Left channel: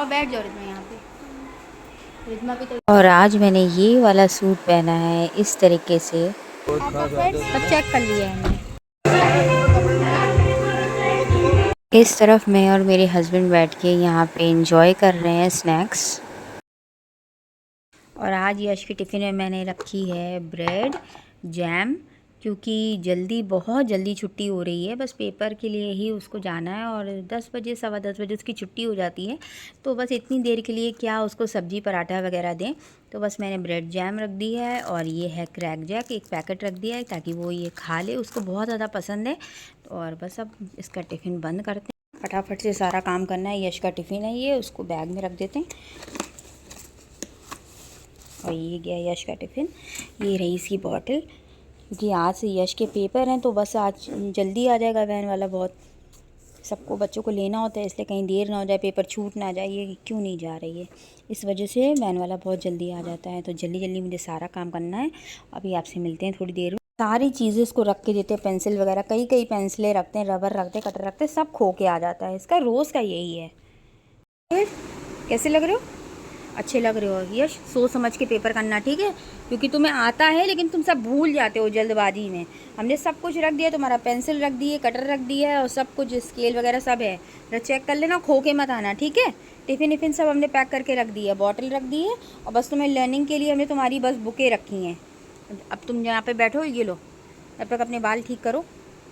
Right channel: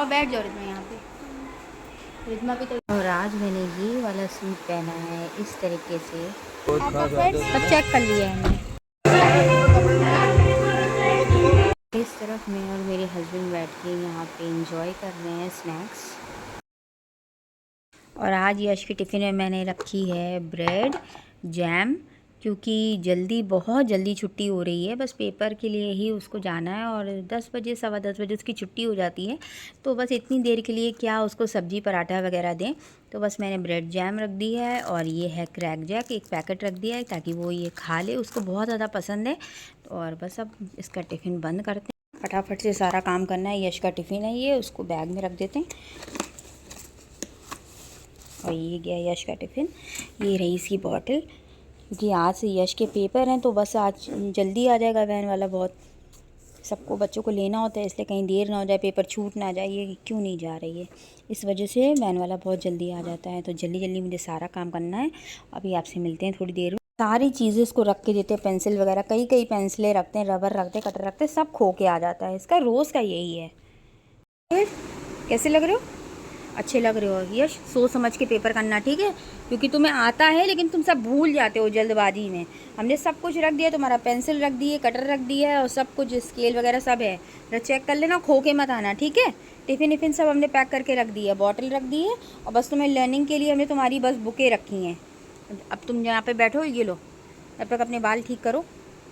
और बैठ जाओ रिद्मा यहाँ पे। रिद्मा भी तो। और आज मैंने ये वाला सूट पहना है इस तरीके से। सब चेक कर लिया है मैंने। इस तरफ मैं और मेरे हस्बैंड बैठ के यहाँ पे एंजॉय कर रहे हैं स्नैक्स। और आज यश की टिफ़िन में मैंने रखी है ब्रेड जैम, क्योंकि बहुत जल्दी छुट्टी हो रही है। बस पेपर के लिए ही उसको जाना है और 10 बजे 10:15 उसकी छुट्टी हो जाती है। तो बस इतनी देर के लिए क्या उसको सब्ज़ी पराठा वगैरह दें। तो बस मैंने ब्रेड जैम रख दी है और ये है क्रैक जैक, एक पैकेट रख दिया है ताकि वो ये खा ले, उसको बहुत ज़्यादा पसंद है। और बस अब इसका टिफ़िन बंद करते हैं, फटाफट से सारा काम करना है। यश का टिफ़िन है ये, उसको बैग में रख देते हैं। और ये गया यश का टिफ़िन, ये रही इसकी बॉटल, क्योंकि आज से यश के पेपर हैं तो बस आज जल्दी आ जाएगा वैन वाला। बहुत सबको बच्चों को लेना होता है, इसलिए कहीं देर ना हो जाए, पेपर छूट ना जाए, ये क्यों नहीं जा रही है, इस वजह से वैन वाला बहुत जल्दी आ जाता है। तो जल्दी जल्दी मुझे सारा काम करना है। अभी आपसे मिलते हैं थोड़ी देर में। सारी चीज़ें इसको रख के देते हैं, पेंसिल वगैरह, कई पेंसिलें रखते हैं, रबर रखते हैं, कटर रखते हैं, सब खो के आ जाता है। इसका रोज़ का यही है। कैसे लग रहे हो? अच्छे लग रहे हो यश। सोच समझ के पेपर करना, ठीक है, क्योंकि तुम्हें आता है लेकिन तुम सब भूल जाते हो जल्दबाजी में। हमने सब कुछ रख दिया, तुम्हारा पेंसिल रख दी है, कटर रख दिया है और सब कुछ स्केल वगैरह सब है। चेक कर लेना, खो के मत आना, ठीक है। टिफ़िन विफ़िन सब हमने पैक करके रख दिया है, बॉटल रख दी है और बस तुम्हें लर्निंग के लिए हमने तुम्हारी बस बुकें रखी हैं। अब तुम यहाँ पर बैठो, ये लो, तब तक अपने बाल ठीक करो,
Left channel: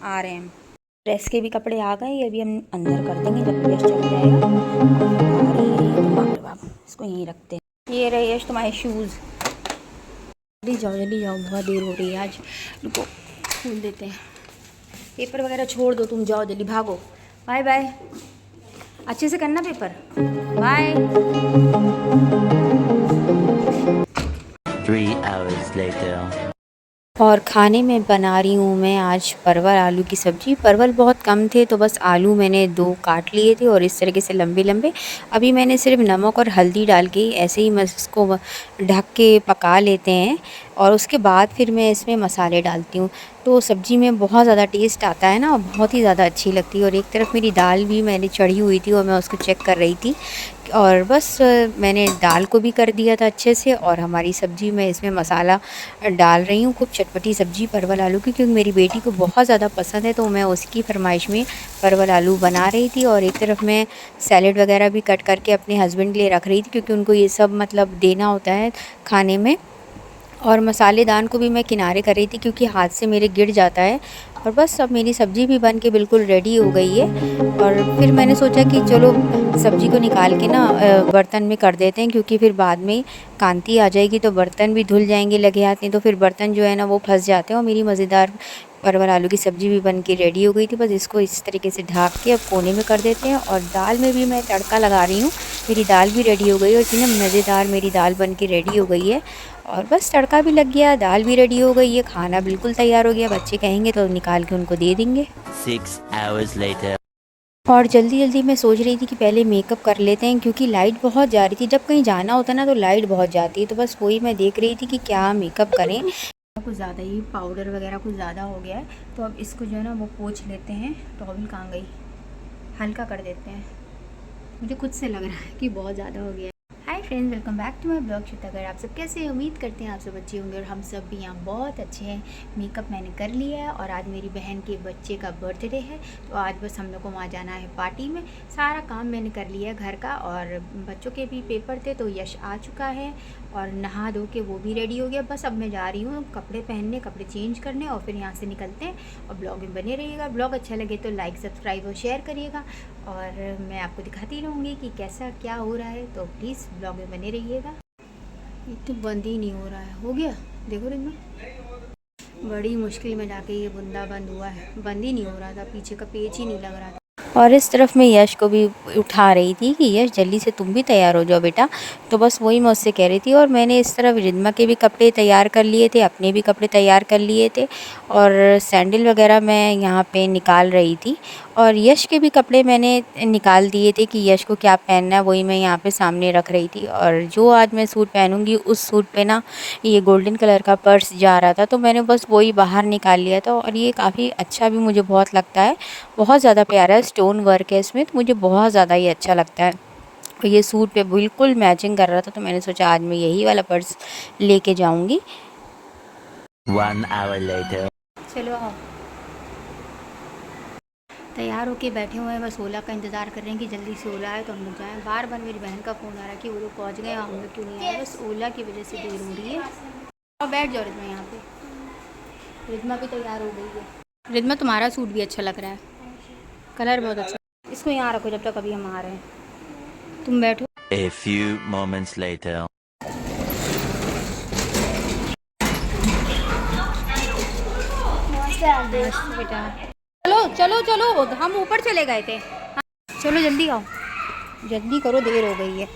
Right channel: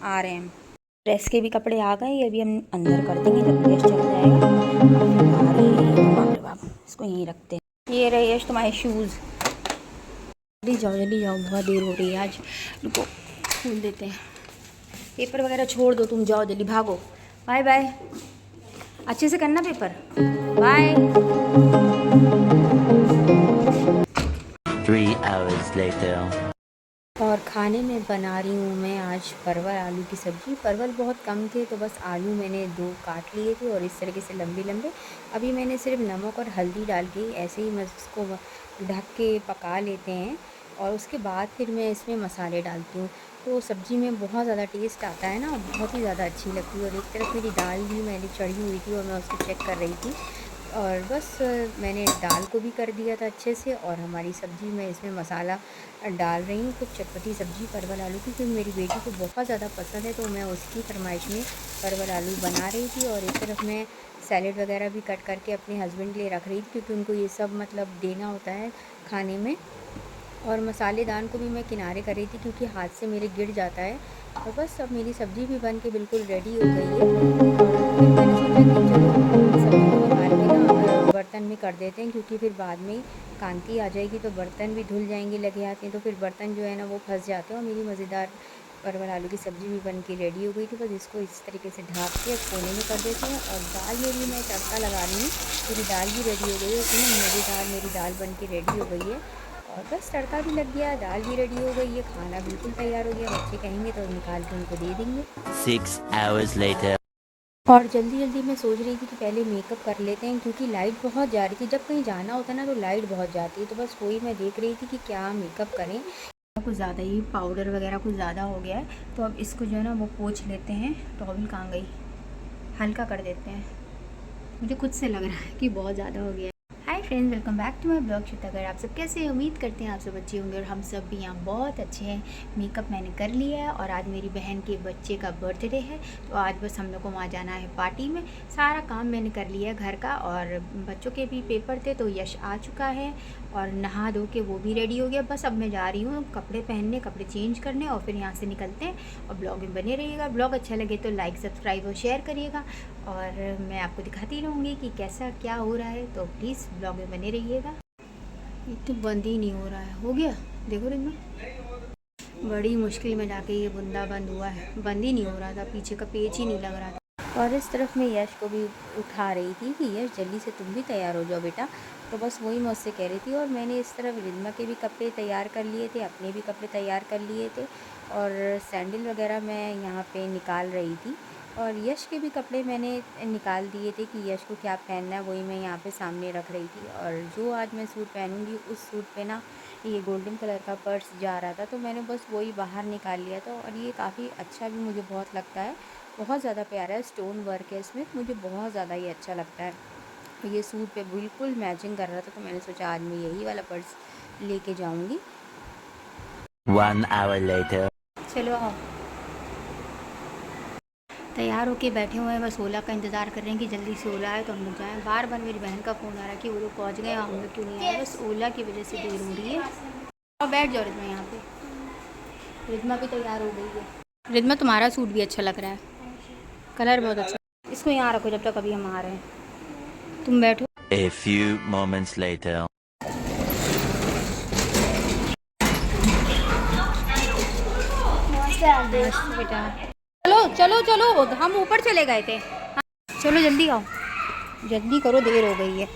आ रहे हैं हम। ड्रेस के भी कपड़े आ गए, ये भी हम अंदर कर देंगे जब यश चला जाएगा। काफ़ी भारी है ये तो, बाप रे बाप, इसको यहीं रखते हैं। ये रहे यश तुम्हारे शूज़। जल्दी जाओ, बहुत देर हो रही है आज। रुको, खोल देते हैं। पेपर वगैरह छोड़ दो, तुम जाओ जल्दी, भागो। बाय बाय, अच्छे से करना पेपर। बाय। 3 hours later. और खाने में बना रही हूँ मैं आज परवल आलू की सब्ज़ी। परवल बहुत कम थे तो बस आलू मैंने 2 काट लिए थे और इस तरीके से लंबे लंबे। अभी मैंने सिर्फ नमक और हल्दी डाल के ऐसे ही इसको ढक के पका लेते हैं और उसके बाद फिर मैं इसमें मसाले डालती हूँ। तो सब्ज़ी में बहुत ज़्यादा टेस्ट आता है ना, और बहुत ही ज़्यादा अच्छी लगती है। और एक तरफ मेरी दाल भी मैंने चढ़ी हुई थी और मैं उसको चेक कर रही थी। और बस मैंने दाल को भी कर दिया था अच्छे से। और हमारी सब्ज़ी में इसमें मसाला डाल रही हूँ, खूब चटपटी सब्ज़ी परवल आलू की, क्योंकि मेरी बेटी को बहुत ज़्यादा पसंद है। तो मैं उसकी फरमाइश में परवल आलू बना रही थी। और एक तरफ मैं सैलेड वगैरह भी कट करके अपने हस्बैंड के लिए रख रही थी, क्योंकि उनको ये सब मतलब देना होता है खाने में। और मसालेदान को भी मैं किनारे कर रही थी, क्योंकि हाथ से मेरे गिर जाता है। और बस अब मेरी सब्ज़ी भी बन के बिल्कुल रेडी हो गई है। और फिर मैंने सोचा कि चलो सब्ज़ी को निकाल के ना बर्तन में कर देते हैं, क्योंकि फिर बाद में कांति आ जाएगी तो बर्तन भी धुल जाएंगे लगे हाथ में, तो फिर बर्तन जो है ना वो फंस जाते हैं। और मेरी मज़ेदार परवल आलू की सब्ज़ी भी बन के रेडी हो गई थी। बस इसको इस तरीके से ढक के अब कोने में कर देते हैं। और दाल में भी मैं तड़का लगा रही हूँ। मेरी दाल भी रेडी हो गई और इतनी मज़ेदार मेरी दाल बन के रेडी हो गई है। और बस तड़का भी लग गया, दाल भी रेडी हो गई है, खाना बिल्कुल तैयार हो गया। बच्चे कहेंगे तो निकाल के उनको दे देंगे। 6 hours later. और जल्दी जल्दी मैं सोच रही थी कि पहले मेकअप कर लेते हैं, क्योंकि लाइट बहुत जा रही थी। जब कहीं जाना होता है ना तो लाइट बहुत जाती है। तो बस वही मैं देख रही थी कि क्या मेकअप करें। कुछ ज़्यादा ही पाउडर वगैरह कुछ ज़्यादा हो गया है, तो अब इसको जो है ना वो पोंछ लेते हैं। टॉवल कहाँ गई, हल्का कर देते हैं। मुझे खुद से लग रहा है कि बहुत ज़्यादा हो गया है। Hi friends, welcome back to my blog श्वेतागर। आप सब कैसे हैं? उम्मीद करते हैं आप सब अच्छे होंगे और हम सब भी यहाँ बहुत अच्छे हैं। मेकअप मैंने कर लिया है और आज मेरी बहन के बच्चे का बर्थडे है, तो आज बस हम लोग को वहाँ जाना है पार्टी में। सारा काम मैंने कर लिया है घर का, और बच्चों के भी पेपर थे तो यश आ चुका है और नहा धो के वो भी रेडी हो गया। बस अब मैं जा रही हूँ कपड़े पहनने, कपड़े चेंज करने, और फिर यहाँ से निकलते हैं। और ब्लॉग में बने रहिएगा। ब्लॉग अच्छा लगे तो लाइक सब्सक्राइब और शेयर करिएगा, और मैं आपको दिखाती रहूँगी कि कैसा क्या हो रहा है। तो प्लीज़ ब्लॉग में बने रहिएगा। ये तो बंद ही नहीं हो रहा है। हो गया, देखो रिंग में बड़ी मुश्किल में जाके ये बुंदा बंद हुआ है। बंद ही नहीं हो रहा था, पीछे का पेज ही नहीं लग रहा था। और इस तरफ मैं यश को भी उठा रही थी कि यश जल्दी से तुम भी तैयार हो जाओ बेटा। तो बस वही मैं उससे कह रही थी। और मैंने इस तरफ रिद्मा के भी कपड़े तैयार कर लिए थे, अपने भी कपड़े तैयार कर लिए थे, और सैंडल वगैरह मैं यहाँ पे निकाल रही थी। और यश के भी कपड़े मैंने निकाल दिए थे कि यश को क्या पहनना है, वही मैं यहाँ पे सामने रख रही थी। और जो आज मैं सूट पहनूंगी उस सूट पे ना ये गोल्डन कलर का पर्स जा रहा था, तो मैंने बस वही बाहर निकाल लिया था। और ये काफ़ी अच्छा भी मुझे बहुत लगता है, बहुत ज़्यादा प्यारा है, स्टोन वर्क है इसमें, तो मुझे बहुत ज़्यादा ही अच्छा लगता है। और ये सूट पे बिल्कुल मैचिंग कर रहा था, तो मैंने सोचा आज मैं यही वाला पर्स लेके जाऊंगी। 1 hour later. चलो आओ, तैयार होके बैठे हुए हैं, बस ओला का इंतज़ार कर रहे हैं कि जल्दी से ओला आए तो हम लोग जाएँ। बार बार मेरी बहन का फ़ोन आ रहा है कि वो लोग पहुँच गए, हम लोग क्यों नहीं आए। बस ओला की वजह से देर हो रही है। और बैठ जाओ रिद्मा यहाँ पे। रिद्मा भी तैयार हो गई है। रिद्मा तुम्हारा सूट भी अच्छा लग रहा है, कलर बहुत अच्छा। इसको यहाँ रखो जब तक अभी हम आ रहे हैं, तुम बैठो। A few moments later. बेटा चलो चलो चलो, हम ऊपर चले गए थे। हाँ, चलो जल्दी आओ, जल्दी करो, देर हो गई है।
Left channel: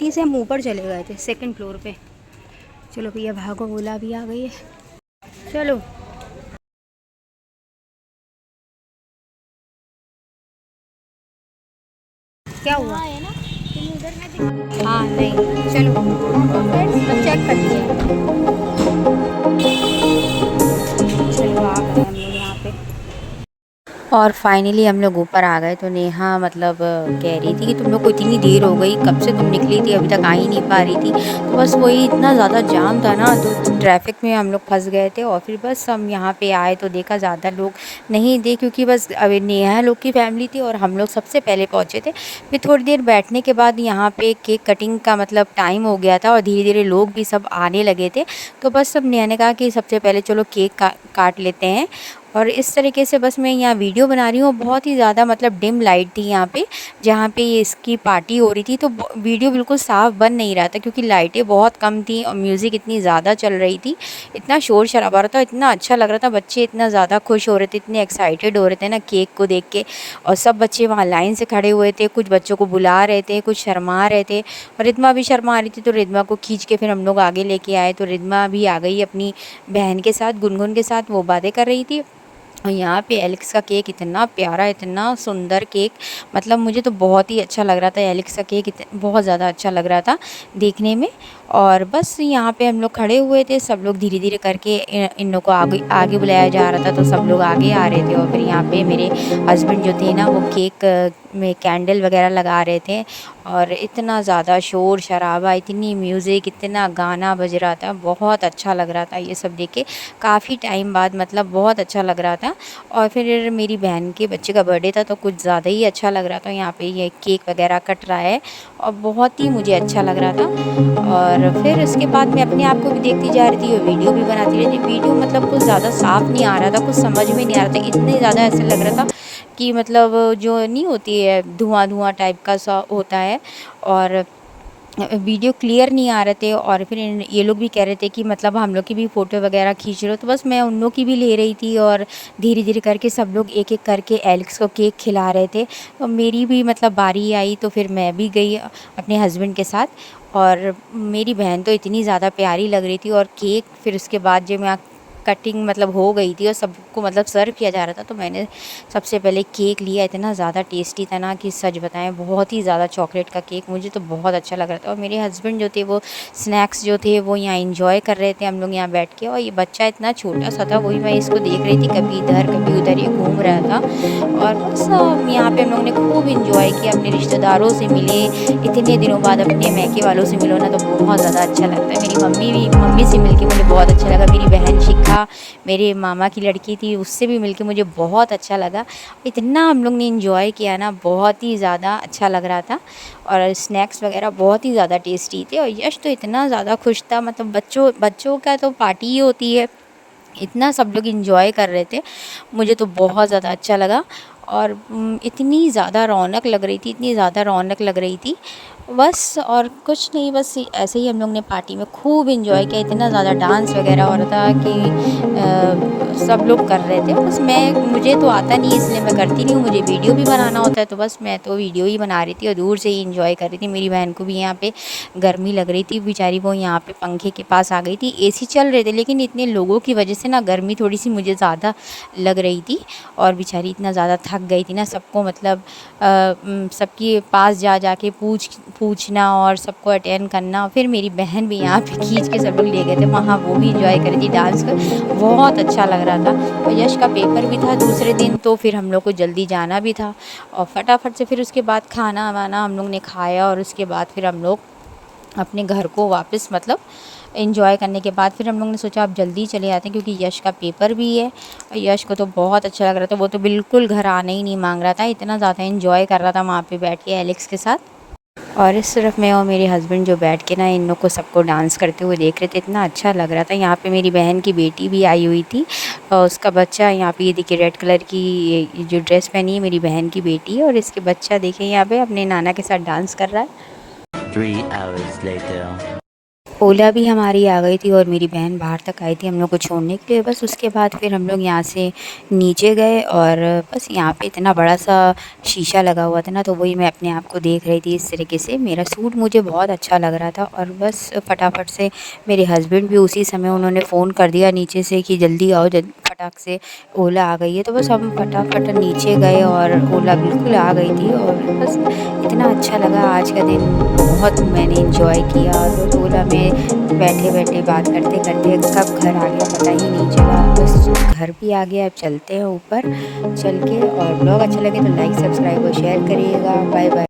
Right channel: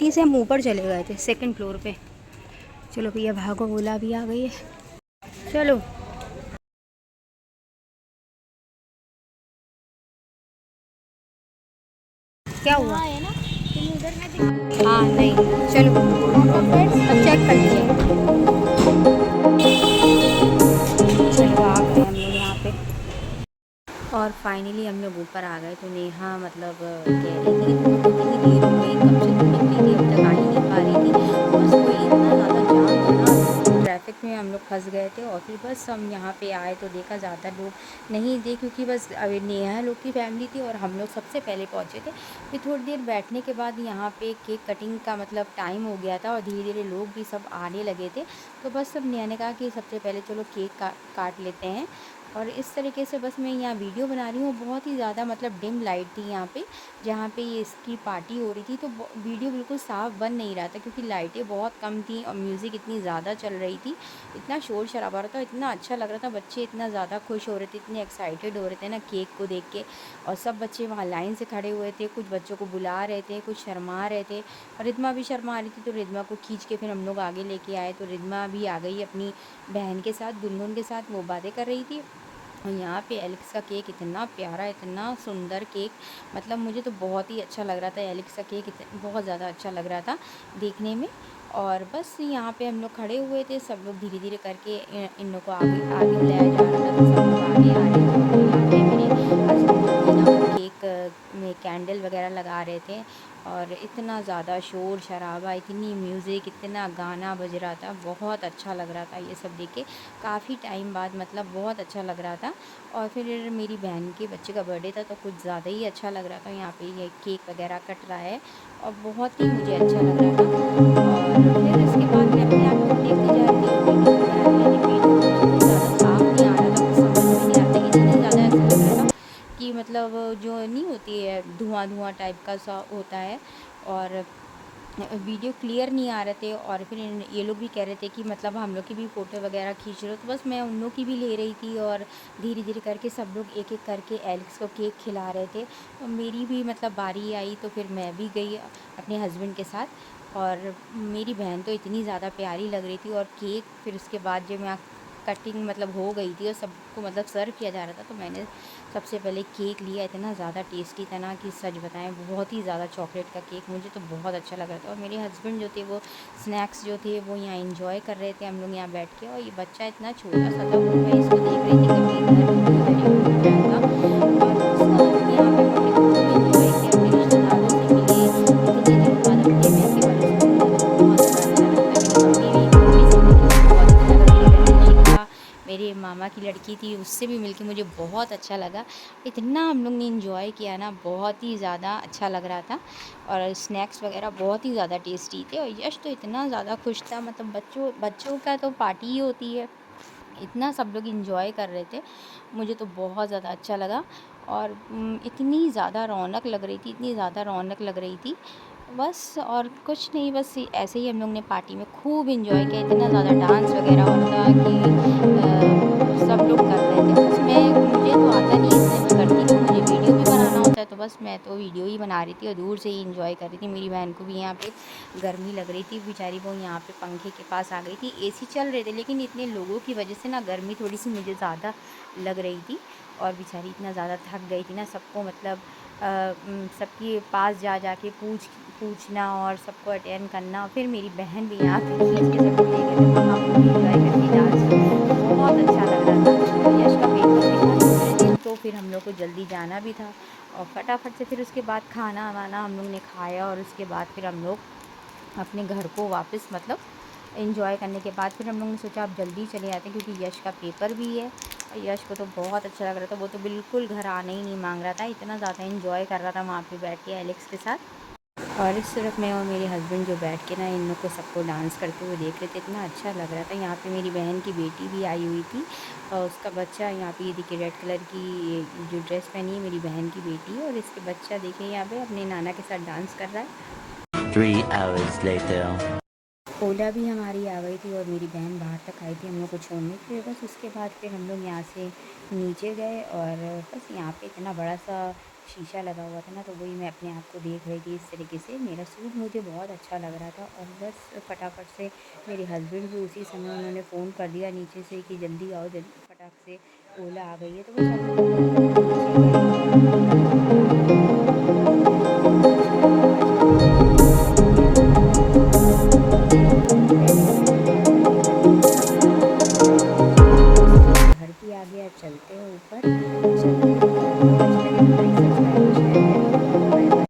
टी से हम ऊपर चले गए थे, सेकंड फ्लोर पे। चलो भैया भागो, ओला भी आ गई है। चलो क्या हुआ? हाँ नहीं, चलो अब चेक कर लिए हैं। चलो आ गए हम लोग यहाँ पे, और फाइनली हम लोग ऊपर आ गए। तो नेहा मतलब कह रही थी कि तुम लोग को इतनी देर हो गई, कब से तुम निकली थी, अभी तक आ ही नहीं पा रही थी। तो बस वही इतना ज़्यादा जाम था ना, तो ट्रैफिक में हम लोग फंस गए थे। और फिर बस हम यहाँ पे आए तो देखा ज़्यादा लोग नहीं थे, क्योंकि बस अभी नेहा लोग की फैमिली थी और हम लोग सबसे पहले पहुँचे थे। फिर थोड़ी देर बैठने के बाद यहाँ पे केक कटिंग का मतलब टाइम हो गया था और धीरे धीरे लोग भी सब आने लगे थे। तो बस सब नेहा ने कहा कि सबसे पहले चलो केक काट लेते हैं। और इस तरीके से बस मैं यहाँ वीडियो बना रही हूँ। बहुत ही ज़्यादा मतलब डिम लाइट थी यहाँ पे, जहाँ पे ये इसकी पार्टी हो रही थी। तो वीडियो बिल्कुल साफ़ बन नहीं रहा था, क्योंकि लाइटें बहुत कम थी और म्यूज़िक इतनी ज़्यादा चल रही थी। इतना शोर शराबा रहा था, इतना अच्छा लग रहा था, बच्चे इतना ज़्यादा खुश हो रहे थे, इतने एक्साइटेड हो रहे थे ना केक को देख के। और सब बच्चे वहाँ लाइन से खड़े हुए थे, कुछ बच्चों को बुला रहे थे, कुछ शर्मा रहे थे। और रिद्मा भी शर्मा रही थी, तो रिद्मा को खींच के फिर हम लोग आगे लेके आए। तो रिद्मा भी आ गई अपनी बहन के साथ, गुनगुन के साथ, वो बातें कर रही थी। और यहाँ पे एलेक्स का केक इतना प्यारा, इतना सुंदर केक, मतलब मुझे तो बहुत ही अच्छा लग रहा था। एलेक्स का केक बहुत ज़्यादा अच्छा लग रहा था देखने में। और बस यहाँ पे हम लोग खड़े हुए थे, सब लोग धीरे धीरे करके इन लोगों को आगे आगे बुलाया जा रहा था, तो सब लोग आगे आ रहे थे। और फिर यहाँ पे मेरे हस्बैंड जो थे ना, वो केक में कैंडल वगैरह लगा रहे थे। और इतना ज़्यादा शोर शराबा, इतनी म्यूज़िक, इतना गाना बज रहा था, बहुत अच्छा लग रहा था ये सब देख के। काफ़ी टाइम बाद मतलब बहुत अच्छा लग रहा था। और फिर मेरी बहन के बच्चे का बर्थडे था, तो कुछ ज़्यादा ही अच्छा लग रहा था। यहाँ पे ये केक वगैरह कट रहा है और बहुत ही मुझे अच्छा लग रहा था। और फिर उसके बाद मैं अपने आप को भी देखती जा रही थी और वीडियो भी बनाती रही थी। वीडियो मतलब कुछ ज़्यादा साफ़ नहीं आ रहा था, कुछ समझ में नहीं आ रहा था, इतनी ज़्यादा ऐसे लग रहा था कि मतलब जो नहीं होती है, धुआं धुआं टाइप का सा होता है। और वीडियो क्लियर नहीं आ रहे थे। और फिर ये लोग भी कह रहे थे कि मतलब हम लोग की भी फ़ोटो वगैरह खींच रहे हो, तो बस मैं उन लोग की भी ले रही थी। और धीरे धीरे करके सब लोग एक एक करके एलेक्स को केक खिला रहे थे। और मेरी भी मतलब बारी आई, तो फिर मैं भी गई अपने हस्बैंड के साथ। और मेरी बहन तो इतनी ज़्यादा प्यारी लग रही थी। और केक फिर उसके बाद जब मैं कटिंग मतलब हो गई थी और सबको मतलब सर्व किया जा रहा था, तो मैंने सबसे पहले केक लिया। इतना ज़्यादा टेस्टी था ना कि सच बताएं, बहुत ही ज़्यादा चॉकलेट का केक, मुझे तो बहुत अच्छा लग रहा था। और मेरे हस्बैंड जो थे वो स्नैक्स जो थे वो यहाँ इंजॉय कर रहे थे, हम लोग यहाँ बैठ के। और ये बच्चा इतना छोटा सा था, वही मैं इसको देख रही थी, कभी इधर कभी उधर ये घूम रहा था। और बस यहाँ पे हम लोग ने खूब इंजॉय किया, अपने रिश्तेदारों से मिले। इतने दिनों बाद अपने मैके वालों से मिलो ना, तो बहुत ज़्यादा अच्छा लगता है। मेरी मम्मी से मिलके मुझे बहुत अच्छा लगा। मेरी बहन शिखा, मेरे मामा की लड़की थी, उससे भी मिलके मुझे बहुत अच्छा लगा। इतना हम लोग ने इंजॉय किया ना, बहुत ही ज़्यादा अच्छा लग रहा था। और स्नैक्स वगैरह बहुत ही ज़्यादा टेस्टी थे। और यश तो इतना ज़्यादा खुश था, मतलब बच्चों का तो पार्टी ही होती है, इतना सब लोग इंजॉय कर रहे थे, मुझे तो बहुत ज़्यादा अच्छा लगा। और इतनी ज़्यादा रौनक लग रही थी, इतनी ज़्यादा रौनक लग रही थी बस। और कुछ नहीं, बस ऐसे ही हम लोग ने पार्टी में खूब इंजॉय किया। इतना ज़्यादा डांस वगैरह हो रहा था कि सब लोग कर रहे थे। बस मुझे तो आता नहीं है, इसलिए मैं करती नहीं हूँ। मुझे वीडियो भी बनाना होता है, तो बस मैं तो वीडियो ही बना रही थी और दूर से ही इंजॉय कर रही थी। मेरी बहन को भी यहाँ पे गर्मी लग रही थी, बेचारी वो यहाँ पे पंखे के पास आ गई थी। एसी चल रहे थे, लेकिन इतने लोगों की वजह से ना गर्मी थोड़ी सी मुझे ज़्यादा लग रही थी। और बेचारी इतना ज़्यादा थक गई थी ना, सबको मतलब सबके पास जा के पूछना और सबको अटेंड करना। फिर मेरी बहन भी यहाँ पे खींच के सब लोग ले गए थे वहाँ, वो भी इंजॉय कर रही थी डांस को, बहुत अच्छा लग रहा था। और यश का पेपर भी था दूसरे दिन, तो फिर हम लोग को जल्दी जाना भी था और फटाफट से फिर उसके बाद खाना वाना हम लोग ने खाया और उसके बाद फिर हम लोग अपने घर को वापस मतलब एंजॉय करने के बाद फिर हम लोग ने सोचा अब जल्दी चले आते हैं क्योंकि यश का पेपर भी है। और यश को तो बहुत अच्छा लग रहा था, वो तो बिल्कुल घर आना ही नहीं मांग रहा था, इतना ज़्यादा एंजॉय कर रहा था वहाँ पे बैठ के एलेक्स के साथ। और इस तरफ मैं और मेरे हस्बैंड जो बैठ के ना इन लोग को सबको डांस करते हुए देख रहे थे, इतना अच्छा लग रहा था। यहाँ पे मेरी बहन की बेटी भी आई हुई थी और उसका बच्चा यहाँ पे ये देखिए रेड कलर की ये जो ड्रेस पहनी है मेरी बहन की बेटी है और इसके बच्चा देखिए यहाँ पे अपने नाना के साथ डांस कर रहा है। 3 hours later. ओला भी हमारी आ गई थी और मेरी बहन बाहर तक आई थी हम लोग को छोड़ने के लिए। बस उसके बाद फिर हम लोग यहाँ से नीचे गए और बस यहाँ पे इतना बड़ा सा शीशा लगा हुआ था ना, तो वही मैं अपने आप को देख रही थी इस तरीके से। मेरा सूट मुझे बहुत अच्छा लग रहा था और बस फटाफट से मेरे हस्बैंड भी उसी समय उन्होंने फ़ोन कर दिया नीचे से कि जल्दी आओ, फटाक से ओला आ गई है। तो बस हम फटाफट नीचे गए और ओला बिल्कुल आ गई थी और बस इतना अच्छा लगा आज का दिन, बहुत मैंने इंजॉय किया। तो ओला में बैठे बैठे बात करते करते कब घर आ गया पता ही नहीं चला। बस घर भी आ गया, अब चलते हैं ऊपर चल के। और ब्लॉग अच्छा लगे तो लाइक सब्सक्राइब और शेयर करिएगा। Bye bye.